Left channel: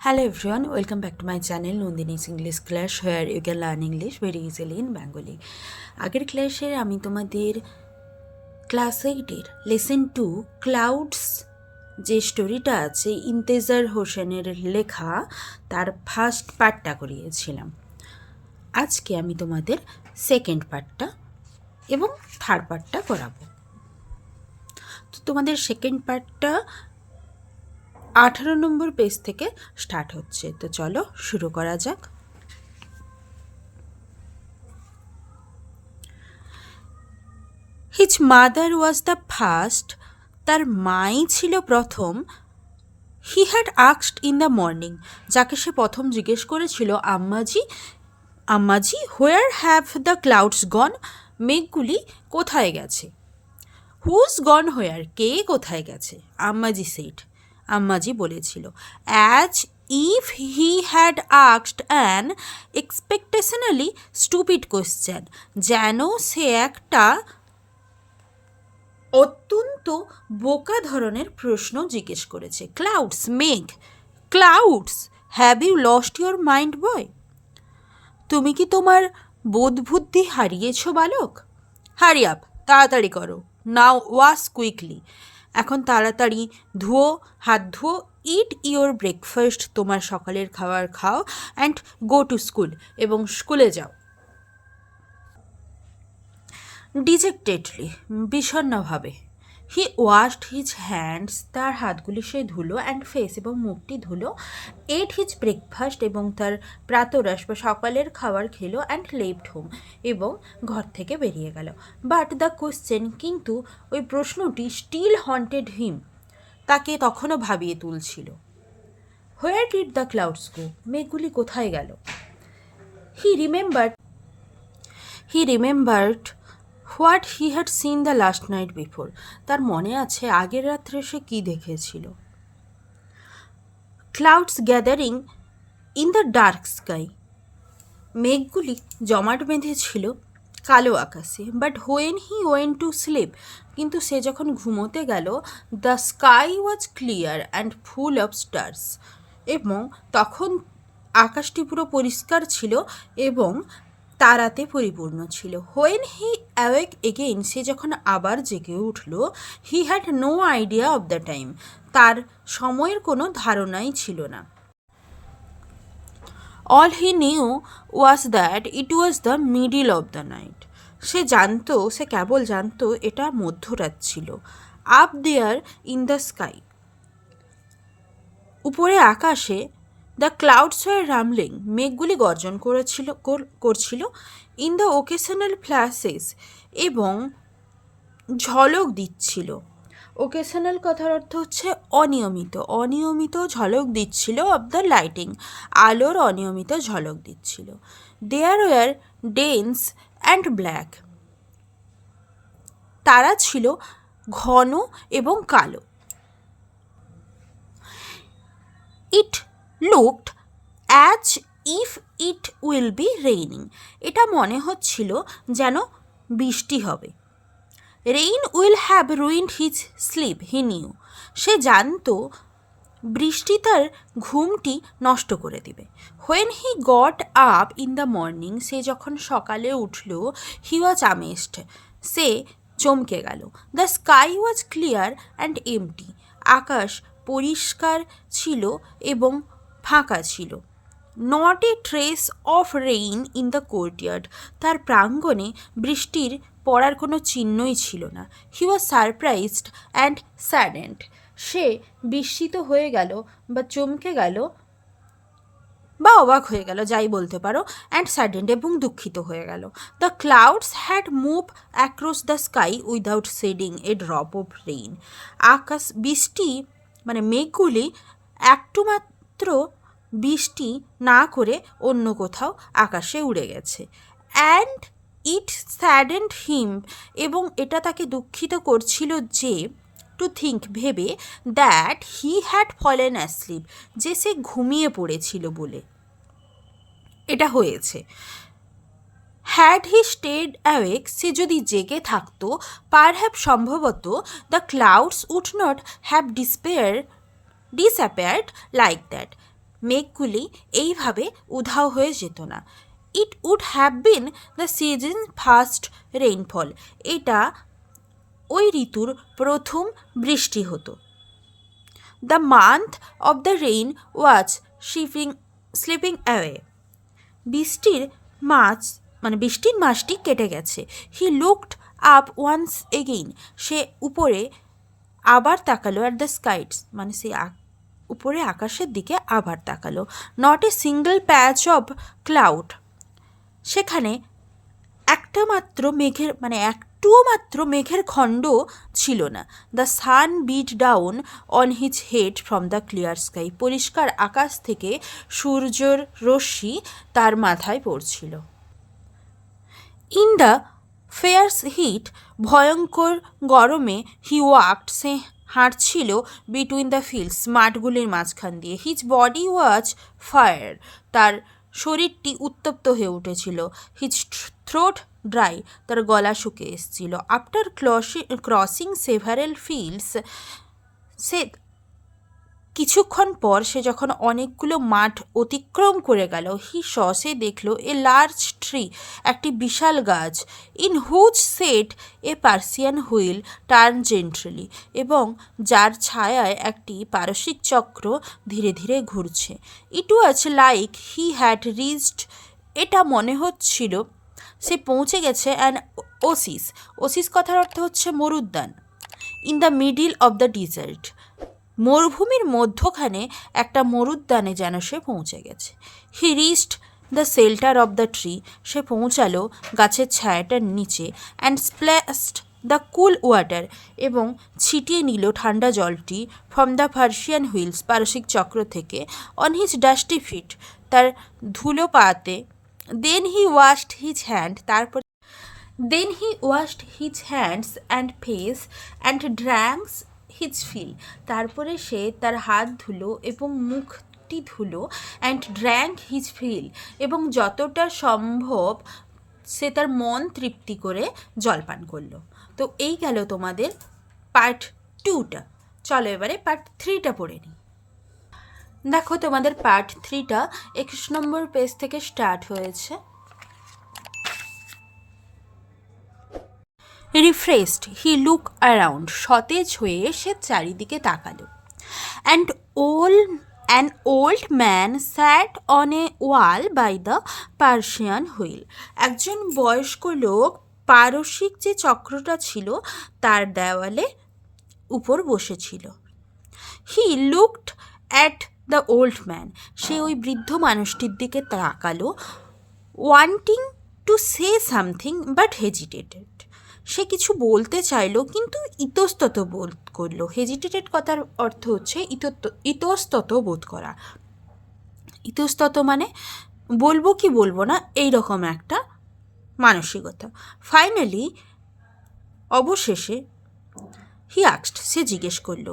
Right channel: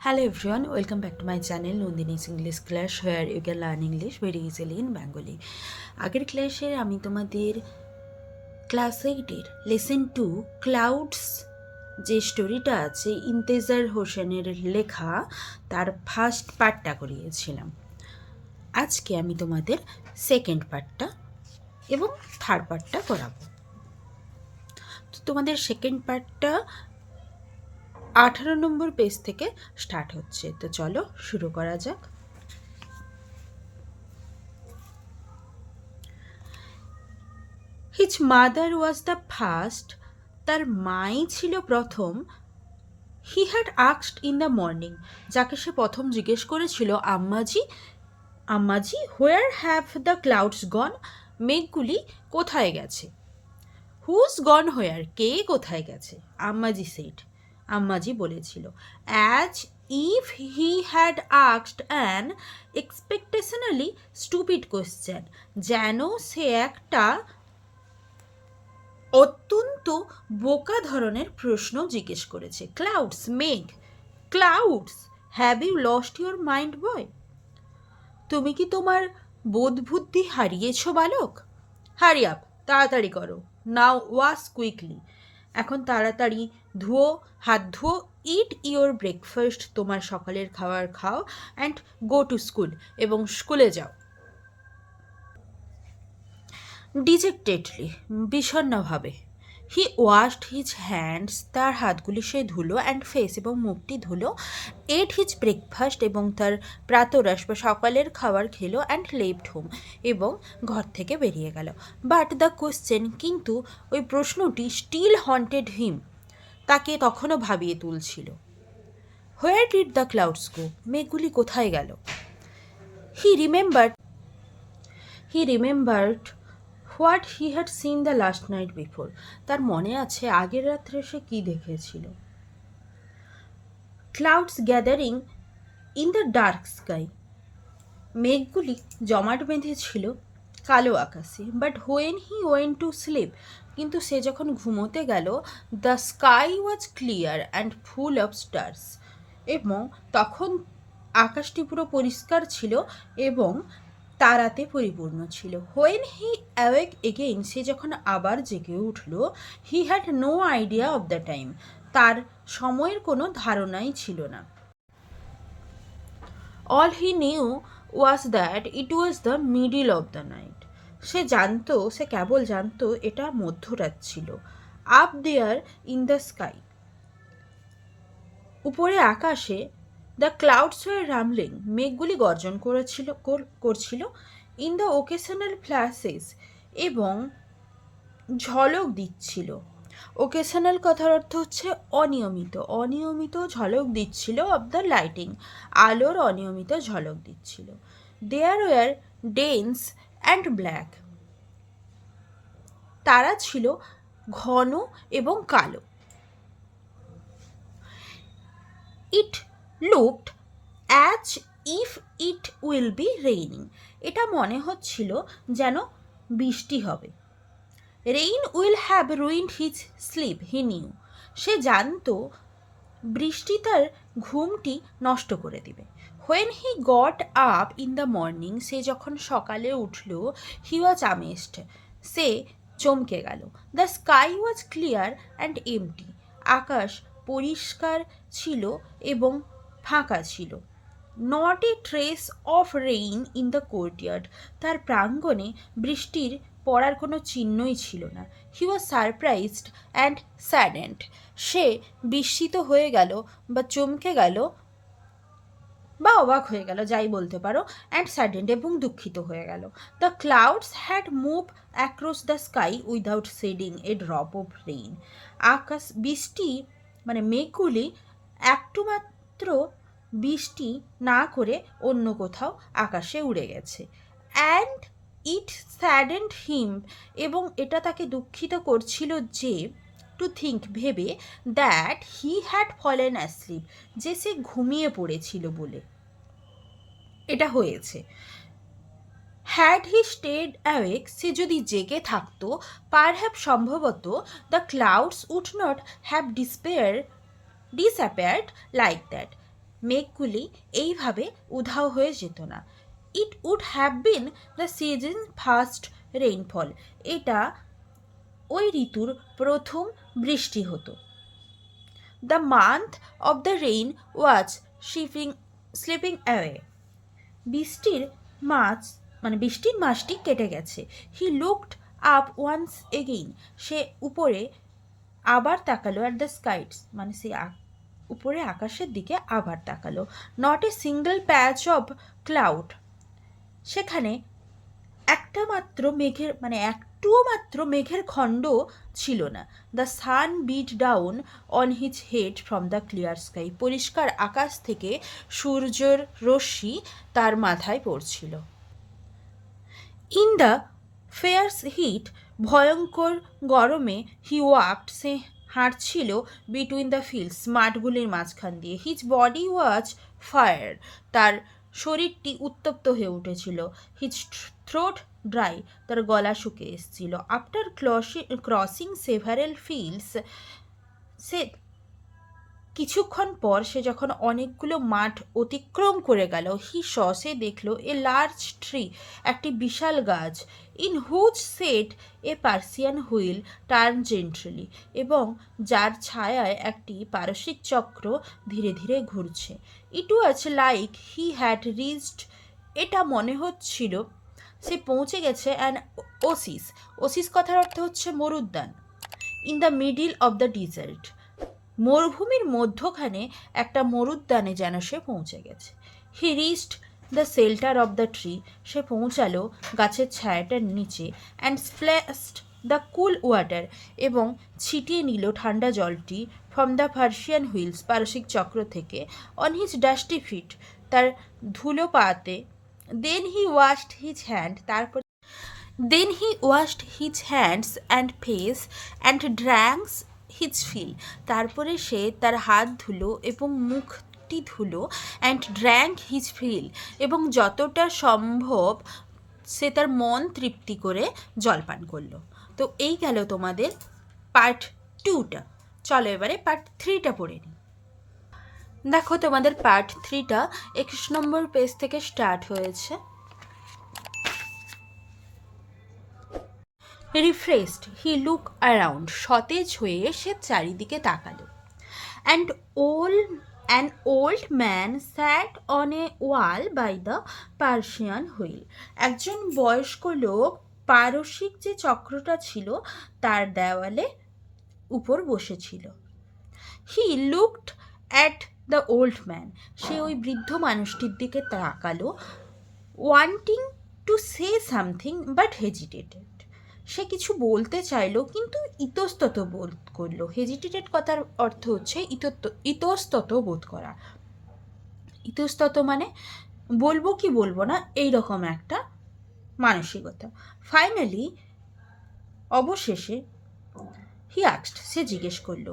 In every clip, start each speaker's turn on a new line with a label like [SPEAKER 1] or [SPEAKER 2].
[SPEAKER 1] Hello everyone, welcome back to my channel Nandini's English Class where you can learn English very easily in Bengali. আগের ক্লাসে আমি তোমাদের class এইটের lesson two clouds যে স্টোরিটা আছে ইন্তেজার হোসেনের লেখা তার ফার্স্ট পার্টটা করিয়েছিলাম আজকে আমি তোমাদের সেকেন্ড পার্টটা এবং থার্ড পার্টটা করাবো তো তোমাদের সেকেন্ড পার্টটা আঠারো নম্বর পেজ থেকে স্টার্ট হচ্ছে। তো চলো শুরু করা যাক। His mother was the first তার মাই ছিল প্রথম। হি হ্যাড আক্সড ইন দ্য মর্নিং যাকে সে প্রথম জিজ্ঞেস করেছিল, Ammaji Ammaji where have the clouds gone মেঘগুলি কোথায় গেছে? হুজ গন হোয়ার কে কোথায় গেছে? আম্মাজি সেট আম্মাজি বলেছিল। অ্যাজ ইফ হি হ্যাড আক্সড অ্যান এক্সপেকটেশনালি স্টুপিড কোশ্চেন যেন সে একটা অত্যন্ত বোকা ধরনের প্রশ্ন জিজ্ঞেস করেছে। ক্লাউডস মেঘ clouds have you lost your mind boy তুমি কি তোমার বোধবুদ্ধি হারিয়েছ, বালক? হারি আপ তাড়াতাড়ি করো। নাও ওয়াশ কুইকলি এখন তাড়াতাড়ি ধুও হাত ধুও ইট ইওর ব্রেকফাস্ট তোমার সকালের খাবার খাও অ্যান্ড গো টু স্কুল এবং স্কুলে যাও। ডিজেক্টেডলি বিষণ্ণভাবে হি ওয়াশড হিজ হ্যান্ডস তার হাতগুলি সে ধুলো অ্যান্ড ফেস এবং মুখটি ধুলো এট হিজ ব্রেকফাস্ট এবং তার প্রাতরাস বা সকালের খাবার খেলো অ্যান্ড লেফট হোম এবং ঘর থেকে বেরিয়ে গেল। বাট দ্য কোশ্চেন কিন্তু ওই প্রশ্নটি স্টিল হন্টেড হিম তাকে তখনও ভাবিয়ে তুলছিল। Where did the clouds go মেঘগুলি কোথায় গেল? He remembered he remembered what he had seen the last night before? তার মনে আছে আগের রাত্রে সে কী দেখেছিল? Clouds gathering in the dark sky. মেঘগুলি জমাট বেঁধেছিল কালো আকাশে, but when he went to sleep, কিন্তু সে যখন ঘুমোতে গেল, the sky was clear and full of stars এবং তখন আকাশটি পুরো পরিষ্কার ছিল এবং তারাতে পরিপূর্ণ ছিল। হোয়েন হি অ্যাওয়েক এগেইন সে যখন আবার জেগে উঠল he had no idea of the time তার সময়ের কোনো ধারণাই ছিল না। All he knew was that it was the middle of the night সে জানতো, সে কেবল জানতো এটা মধ্যরাত ছিল। Up there in the sky উপরে আকাশে দ্য ক্লাউডস ওয়ার রামলিং মেঘগুলি গর্জন করেছিল, কর- করছিল ইন দ্য ওকেশনাল ফ্ল্যাশেস এবং ঝলক দিচ্ছিল। ওকেশনাল কথার অর্থ হচ্ছে অনিয়মিত। অনিয়মিত ঝলক দিচ্ছিল অব দ্য লাইটিং আলোর অনিয়মিত ঝলক দিচ্ছিল। There were dense and black তারা ছিল ঘন এবং কালো। It looked as if it will be raining এটা মনে হচ্ছিল যেন বৃষ্টি হবে। Rain will have ruined his sleep he knew সে জানতো বৃষ্টি তার ঘুমটি নষ্ট করে দিবে। When he got up in the morning সে যখন সকালে উঠল হি ওয়াজ আমেস্ট সে চমকে গেল। The sky was clear and empty আকাশ পরিষ্কার ছিল এবং ফাঁকা ছিল। Not a trace of rain in the courtyard. তার প্রাঙ্গণে বৃষ্টির পড়ার কোনো চিহ্নই ছিল না। He was surprised and saddened সে বিস্মিত হয়ে গেল বা চমকে গেল বা অবাক হয়ে গেল, যাই বলতে পারো অ্যান্ড স্যাডেন্ড এবং দুঃখিত হয়ে গেল। The clouds had move across the sky without shedding a drop of rain আকাশ, বৃষ্টি মানে মেঘগুলি একটু মাত্র বৃষ্টি না করে অন্য কোথাও আকাশে উড়ে গেছে। অ্যান্ড ইট স্যাডেন্ড হিম এবং এটা তাকে দুঃখিত করছিল যে, টু থিঙ্ক ভেবে, that he had fallen asleep, যে সে ঘুমিয়ে পড়েছিল বলে। এটা হয়েছে। হ্যাড হি স্টেড অ্যাওয়েক, সে যদি জেগে থাকতো পার হ্যাভ সম্ভবত the clouds would not have disappear, disappeared like that. মেঘগুলি এইভাবে উধাও হয়ে যেত না। It would have been the season first rainfall এটা ওই ঋতুর প্রথম বৃষ্টি হতো। The month of the rain was shipping slipping away বৃষ্টির মাছ মানে বৃষ্টির মাসটি কেটে গেছে। He looked up once again সে উপরে আবার তাকালো অ্যাট দ্য স্কাইটস মানে সে আ- উপরে আকাশের দিকে আবার তাকালো। Not a single patch of cloud সেখানে একটা মাত্র মেঘের মানে একটুও মাত্র মেঘের খণ্ড ছিল না। The sun beat down on his head from the clear sky পরিষ্কার আকাশ থেকে সূর্যর রশ্মি তার মাথায় পড়ছিল। ইন দ্য ফেয়ার্স হিট ভয়ঙ্কর গরমে হি ওয়াকড সে হাঁটছিল বিটুইন দ্য ফিল্ডস মাঠগুলির মাঝখান দিয়ে। হিজ বডি ওয়াজ ফায়ার তার শরীরটি উত্তপ্ত হয়ে উঠেছিল। হিজ থ্রোট ড্রাই তার গলা শুকিয়ে এসেছিল। আফটার ক্রসিং সেভারেল ফিল্ডস সে কিছুক্ষণ পর সে যখন অনেকগুলো মাঠ অতিক্রম করে গেল, হি স সে দেখল এ লার্জ ট্রি একটি বিশাল গাছ in whose shade a Persian wheel turn gently এবং যার ছায়ায় একটি পারসিক চক্র ধীরে ধীরে ঘুরছে। It was like he had reached এটা মনে হচ্ছিল, সে পৌঁছে গেছে অ্যান ওসিস ওসিস কথার অর্থ হচ্ছে মরুদ্যান। In the middle of the desert মরুভূমির মধ্যখানে একটা মরুদ্যানে যেন সে পৌঁছে গেছে। He reached the shelter of the tree সে পৌঁছালো গাছের ছায়াটার নিচে and splashed the cool water এবং ছিটিয়ে নিল ঠান্ডা জলটি ফ্রম দ্য পার্সিয়ান হুইলস পারসিক চক্র থেকে অন হিজ ডাস্টি ফিট তার ধুলো পাতে। Then he washed his hand তারপর then he washed his hands and face and drank his fill তারপরে সে তার হাত ধুলো এবং মুখটি ধুলো অ্যান্ড ড্র্যাঙ্ক হিজ ফিল এবং যতটা সম্ভব সে তার মন তৃপ্তি করে জলপান করল। তো এই গেল তোমাদের পার্ট টুটা চলো এবারে পার্ট থ্রিটা পড়ে নিই। দেখো তোমাদের পার্ট থ্রিটা একুশ নম্বর পেজ থেকে স্টার্ট হয়েছে। রিফ্রেশড হি লুক অ্যারাউন্ড সতেজ হয়ে সে চারিদিকে তাকালো। অ্যান্ড ওল an old man sat on a wall by the Persian wheel একজন বয়স্ক লোক পারসিক যে চক্রটা ছিল, তার দেওয়ালে উপর বসেছিল। He looked at the old man সে ওই বৃদ্ধ মানুষটির দিকে তাকালো wanting to say something but hesitated সে কিছু বলতে চাইলো, কিন্তু ইতস্তত বোধ করল। হেজিটেটেড কথার অর্থ হচ্ছে ইতস্তত বোধ করা। ইতস্তত মানে বলব কি বলব না এই রকম একটা মানসিকতা। ফাইনালি অবশেষে হি আক্সড সে জিজ্ঞেস করল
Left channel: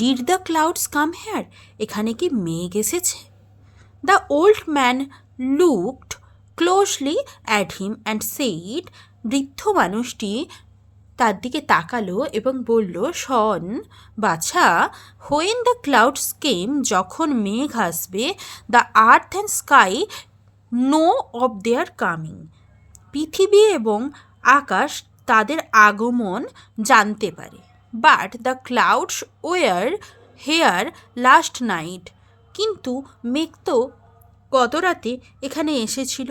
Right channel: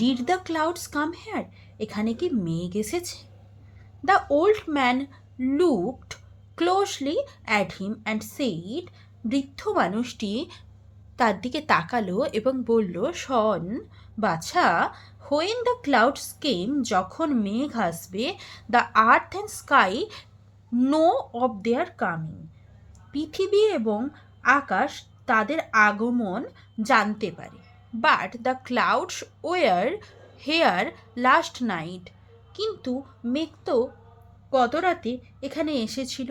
[SPEAKER 1] did the clouds come here এখানে কি মেঘ এসেছে? The old man looked closely at him and said বৃদ্ধ মানুষটি তার দিকে তাকালো এবং বলল, শন, বাছা হোয়েন দ্য ক্লাউডস কেম যখন মেঘ আসবে the earth and sky know of their coming পৃথিবী এবং আকাশ তাদের আগমন জানতে পারে। But the clouds were here last night কিন্তু মেঘ তো গত রাতে এখানে এসেছিল।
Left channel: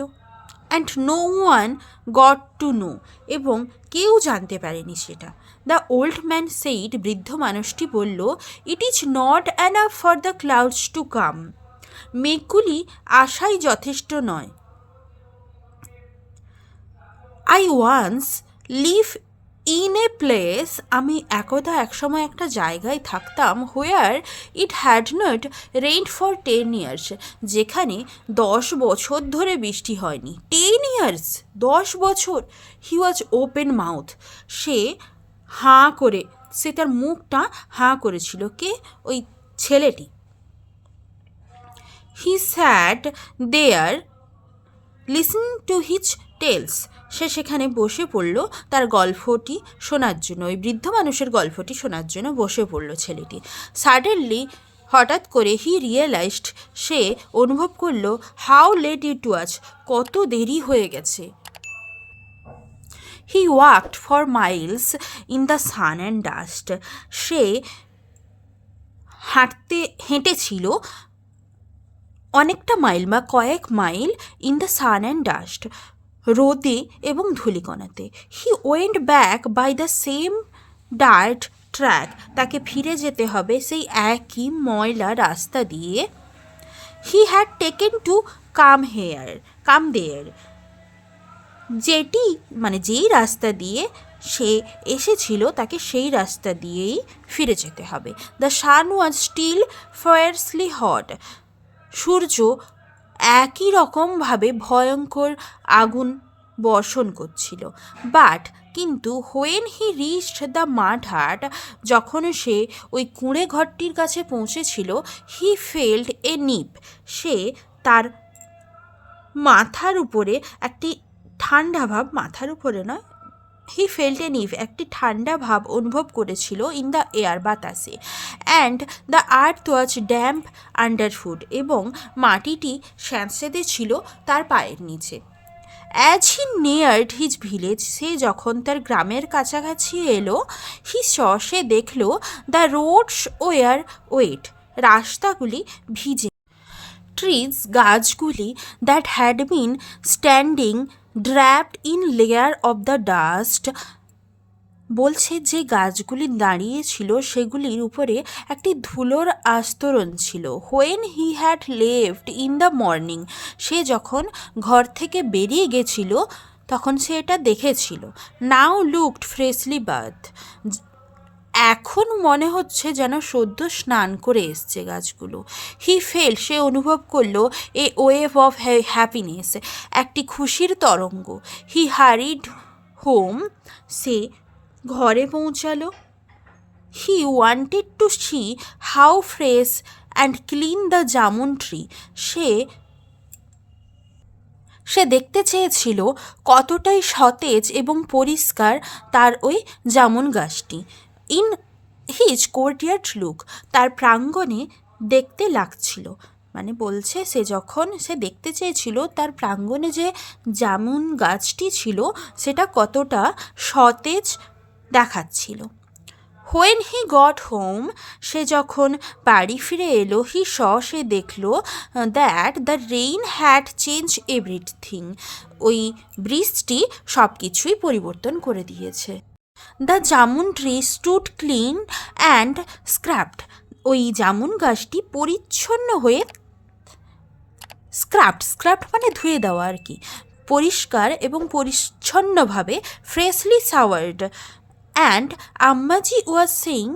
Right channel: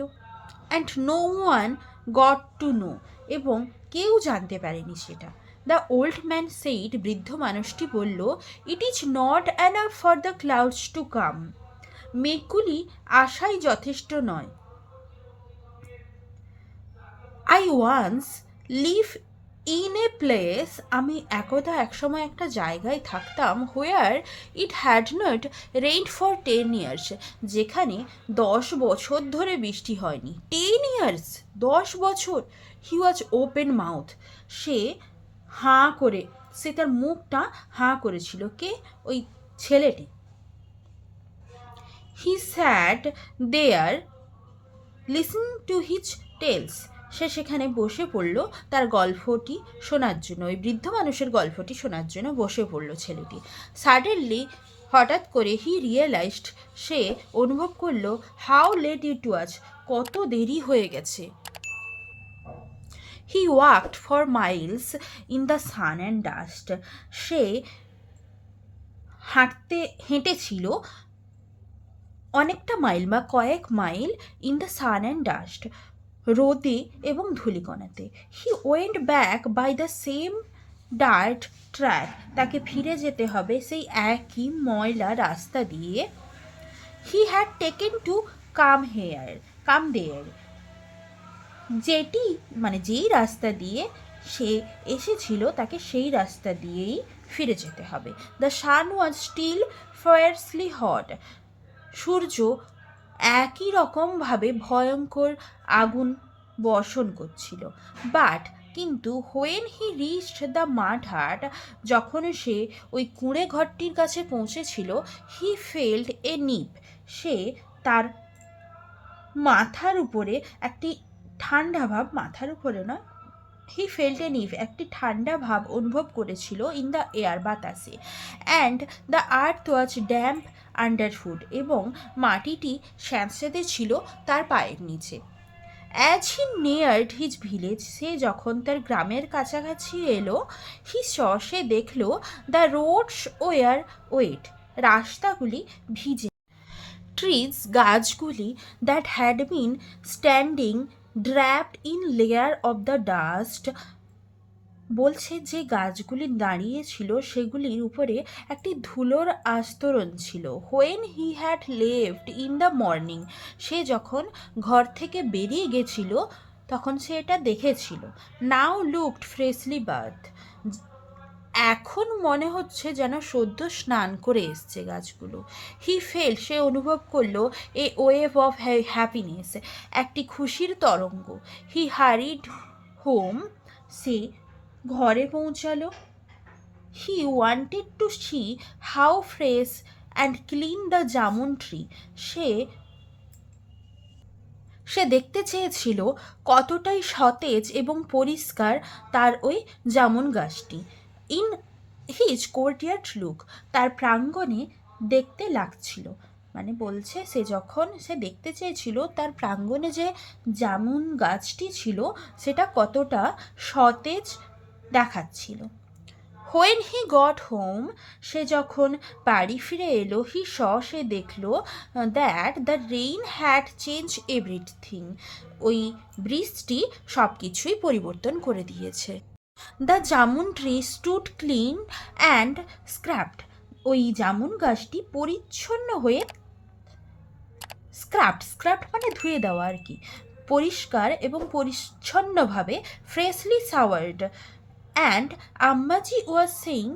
[SPEAKER 1] And no one got to know এবং কেউ জানতে পারেনি সেটা। দ্য ওল্ড ম্যান সেইড, বৃদ্ধ মানুষটি বলল it is not enough for the clouds to come মেঘগুলি আশাই যথেষ্ট নয়। I once live in a place আমি একদা একসময় একটা জায়গায় থাকতাম where it had not rain for ten years যেখানে দশ বছর ধরে বৃষ্টি হয়নি। টেন ইয়ার্স দশ বছর। হি ওয়াজ ওপেন মাউথ সে হাঁ করে, সে তার মুখটা হাঁ করেছিল। কে? ওই ছেলেটি। He sat there listen to his tales সে সেখানে বসে পড়ল, তার গল্পটি শোনার জন্য, ওই বৃদ্ধ মানুষের গল্পটি শোনার জন্য বসে পড়ল ছেলেটি। সাডেনলি হঠাৎ করে হি রিয়েলাইজড সে অনুভব করল হাউ লেট ইট ওয়াজ কত দেরি হয়ে গেছে। He walked for miles in the sun and dust সে হাঁটতে, হেঁটেছিল অনেকটা মাইল বা কয়েক mile in the sun and dust রোদে এবং ধূলিকণাতে। He went back by the same dirt track তাকে ফিরে যেতে হবে সেই একই ময়লা রাস্তা দিয়ে। He had taken to come here come there যেটি মানে যেই রাস্তা দিয়ে সে এসেছিল, তাকে সেই রাস্তা দিয়েই ফিরে যেতে হবে। The sun was still fiercely hot সূর্য একই রকমভাবে ভয়ঙ্কর আগুন বর্ষণ করছিল। বাট কিন্তু হোয়েন হি রিচড দ্য মাঠ হাট যখন সে ওই কুঁড়ে ঘরটির কাছে পৌঁছেছিল হি ফেল্ড এ নিপ সে তার মাথার উপরে একটি ঠান্ডা ভাব, মাথার উপরে নয় হি ফেল্ট এ নিভ একটি ঠান্ডা ভাব অনুভব করেছিল ইন দ্য এয়ার বাতাসে। And the earth was damp underfoot এবং মাটিটি স্যাঁতস্যাঁতে ছিল তার পায়ের নিচে। As he neared his village সে যখন তার গ্রামের কাছাকাছি এলো হি সে দেখল দ্য রোডস ওয়ার ওয়েট রাস্তাগুলি ভিজে। ট্রিজ গাছগুলি that had been standing draped in layer of the dust বলছে যে গাছগুলি দাঁড়িয়েছিল সেগুলির উপরে একটি ধুলোর আস্তরণ ছিল। When he had left in the morning সে যখন ঘর থেকে বেরিয়ে গেছিল, তখন সে এটা দেখেছিল। নাও লুকড ফ্রেশলি বার্থ এখন মনে হচ্ছে যেন সদ্য স্নান করে এসছে গাছগুলো। হি ফেল, সে অনুভব করল এ ওয়েভ অফ হ্যাপিনেস, একটি খুশির তরঙ্গ। হি হারিড হোম, সে ঘরে পৌঁছালো। He wanted to see how fresh and clean the jamun tree. সে সে দেখতে চেয়েছিল কতটাই সতেজ এবং পরিষ্কার তার ওই জামুন গাছটি। ইন হিজ কোর্টিয়ার্ড লুক, তার প্রাঙ্গণে দেখতে লাগছিল। মানে বলছে, সে যখন সে দেখতে চেয়েছিল, তার প্রাঙ্গণে যে জামুন গাছটি ছিল, সেটা কতটা সতেজ দেখাচ্ছিল। হোয়েন হি গট হোম সে যখন বাড়ি ফিরে এলো হি স সে দেখল that the rain had change everything ওই বৃষ্টি সব কিছুই পরিবর্তন করে দিয়েছে। The jamun tree stood clean and scraped ওই জামুন গাছটি পরিচ্ছন্ন হয়ে স্ক্রাপ্ট স্ক্রাপ্ট মানে ধুয়ে দেওয়া আর কি। পরিষ্কার এবং পরিচ্ছন্নভাবে freshly showered and Ammaji was saying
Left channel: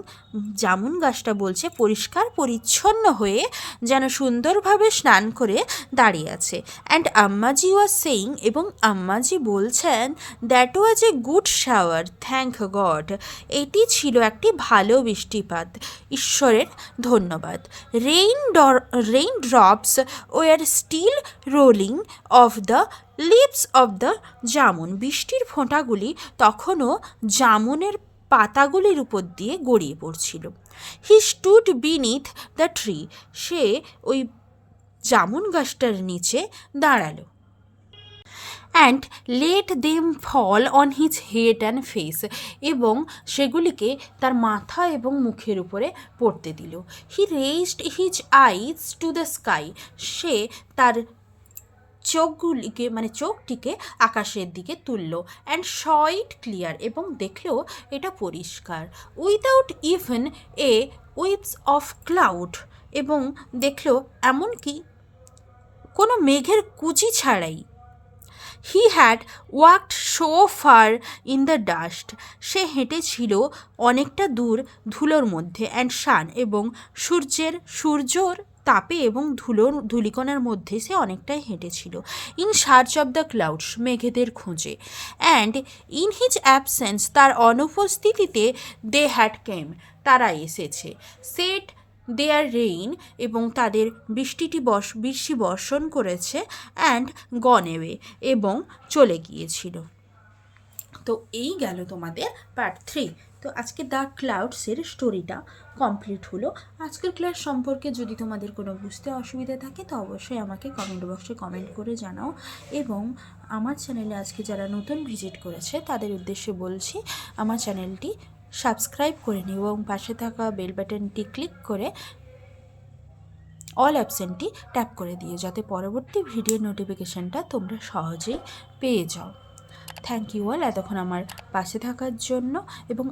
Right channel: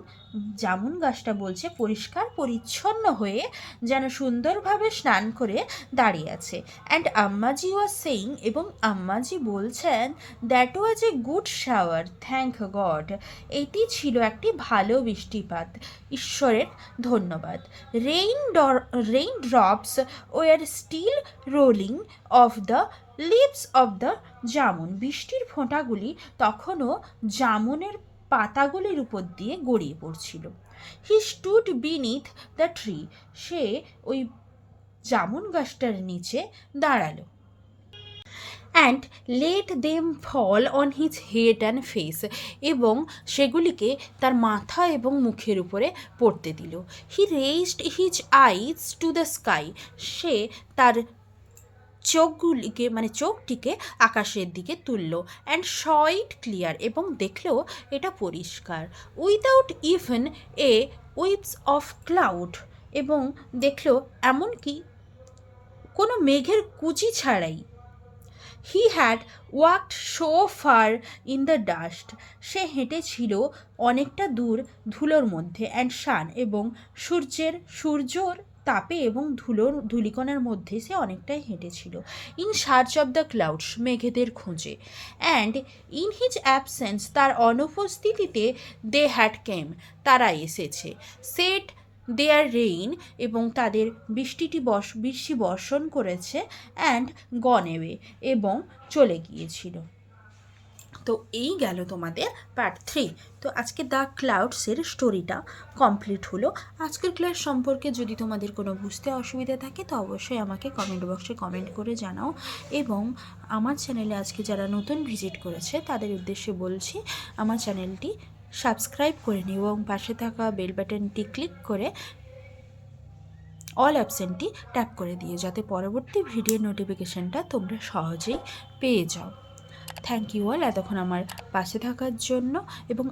[SPEAKER 1] jamun গাছটা বলছে, পরিষ্কার, পরিচ্ছন্ন হয়ে যেন সুন্দরভাবে স্নান করে দাঁড়িয়ে আছে। অ্যান্ড আম্মাজি ওয়াজ সেইং এবং আম্মাজি বলছেন that was a good shower thank God এটি ছিল একটি ভালো বৃষ্টিপাত। ঈশ্বরের ধন্যবাদ। রেইন ডর rain drops were still rolling off the lips of the jamun, বৃষ্টির ফোঁটাগুলি তখনও জামুনের পাতাগুলির উপর দিয়ে গড়িয়ে পড়ছিল। He stood beneath the tree সে ওই জামুন গাছটার নিচে দাঁড়াল। And let them fall on his head and face এবং সেগুলিকে তার মাথা এবং মুখের উপরে পড়তে দিল। He raised his eyes to the sky সে তার চোখগুলিকে মানে চোখটিকে আকাশের দিকে তুলল অ্যান্ড শইট ক্লিয়ার এবং দেখলেও এটা পরিষ্কার। উইদাউট ইভেন এ উইপস অফ ক্লাউড এবং দেখল এমনকি কোনো মেঘের কুচি ছাড়াই। He had walked so far in the dust সে হেঁটেছিল অনেকটা দূর ধুলোর মধ্যে অ্যান্ড সান এবং সূর্যের সূর্যর তাপে এবং ধুলোর ধুলিকণার মধ্যে সে অনেকটাই হেঁটেছিল। In search of the clouds, মেঘেদের খোঁজে। অ্যান্ড ইন হিজ অ্যাবসেন্স, তার অনুপস্থিতিতে দে হ্যাড কেম, তারা এসেছে। সেট দেয়ার রেইন এবং তাদের বৃষ্টিটি বর্ষ বৃষ্টি বর্ষণ করেছে অ্যান্ড গনেওয়ে এবং চলে গিয়েছিল। তো এই গেল তোমাদের পার্ট থ্রি তো আজকে দ্য ক্লাউডসের স্টোরিটা কমপ্লিট হলো। আজকের ক্লাস সম্পর্কে যদি তোমাদের কোনো বুঝতে অসুবিধা থাকে, তো অবশ্যই আমাকে কমেন্ট বক্সে কমেন্ট করে জানাও। এবং আমার চ্যানেলে আজকে যারা নতুন ভিজিট করেছে, তাদের উদ্দেশ্যে বলছি, আমার চ্যানেলটি সাবস্ক্রাইব করে নিও এবং পাশে থাকা বেল বাটনটি ক্লিক করে অল অপশানটি ট্যাপ করে দিও, যাতে পরবর্তী ভিডিও নোটিফিকেশানটা তোমরা সহজেই পেয়ে যাও। থ্যাংক ইউ অল এতক্ষণ আমার পাশে থাকার জন্য এবং